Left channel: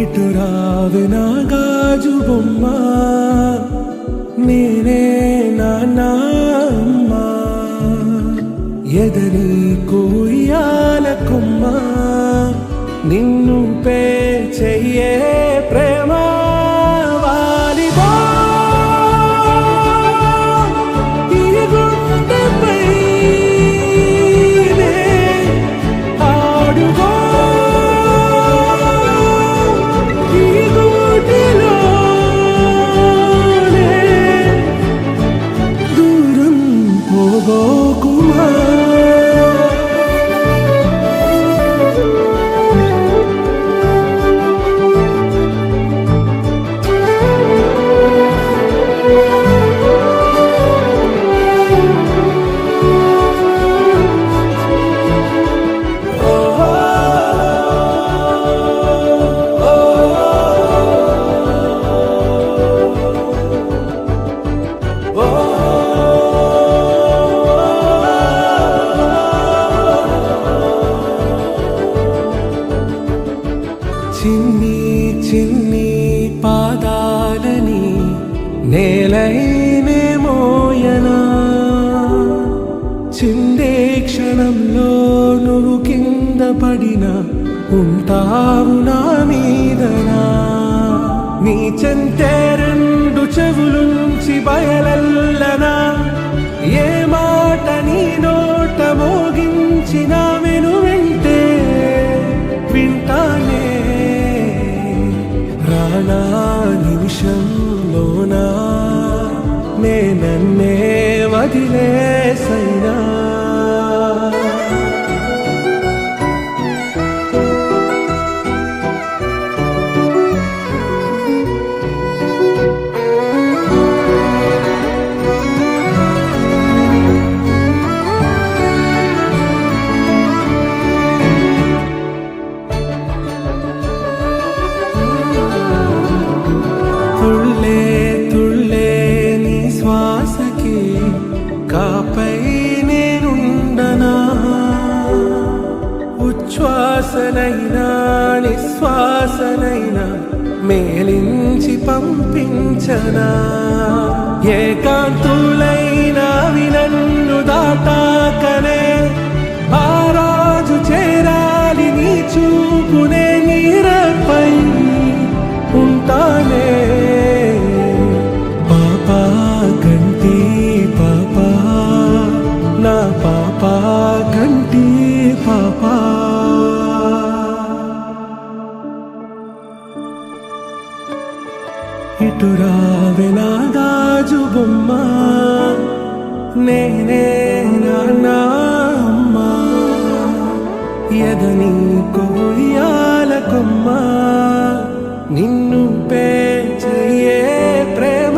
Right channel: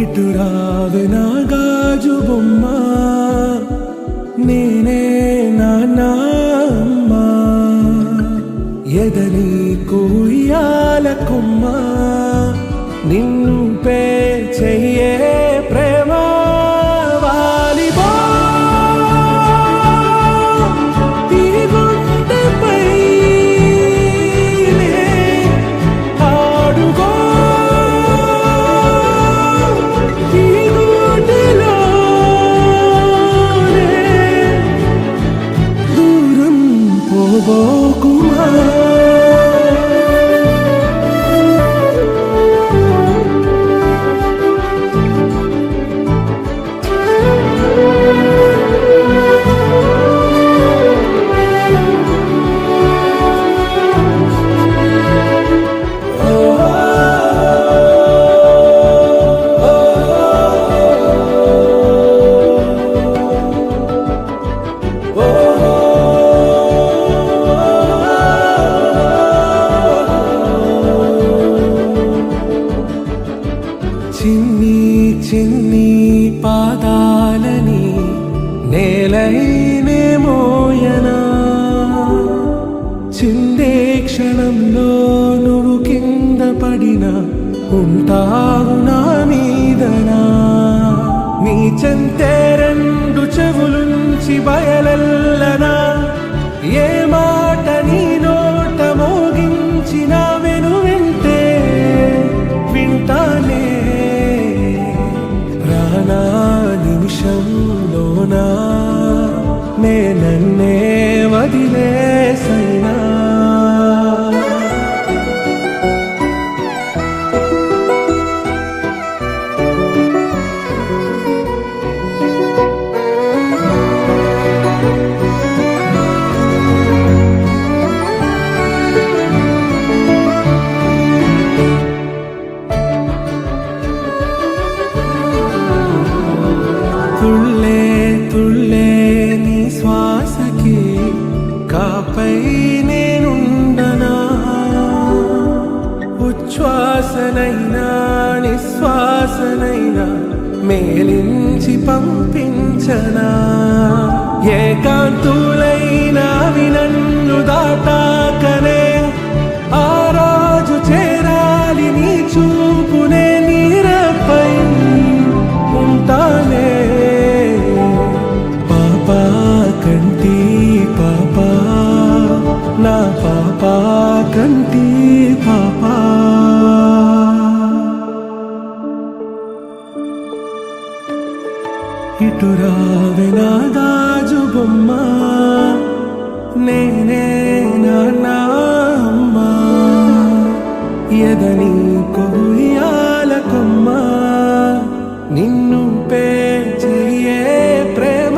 ఇటు రావే నా గాజు బొమ్మ, నేనే నాన్న అమ్మా. ఎదని కుయ్యాల కొమ్మ, నిన్ను పే చెయ్యే ప్రేమ వాలిబా. ఈ గుండెపై నే ఆడుగో, ఈ గుడిలోనే దూరం పోబోకుమా. చిన్ని చిన్ని పాదాలని నేలైనే మోయనా, చిందే క్షణంలో నువ్వు కింద పడినా ఉంటావు నా మీదనా. నీ చెంతే రెండు చెవులుంచి బయలెల్లనా, ఏ మాట నీ నోట మోగించిన వెను వింటే వింటానే. రానా నిమిషంలోనా నే నన్నే వదిలేసైనా. తుళ్ళే తుళ్ళే నీ శ్వాసకి కాపై నేనుండనా, ఉచ్ఛ్వాసనైనా నిశ్వాసనైనా మేలించి పంపించనా. ఏకాంతులైనవి నన్ను దాటాకనే ఆ రాజు చేరాలి నీ చూపునే నీరపై ఉంటానే. పాపా కంటి పాపా, నా పాపా కంటి పాపా. ఇటు రావే నా గాజు బొమ్మ, నేనే నాన్న అమ్మా. ఎదని కొయ్యాల కొమ్మ, నిన్ను పే చెయ్యే ప్రేమ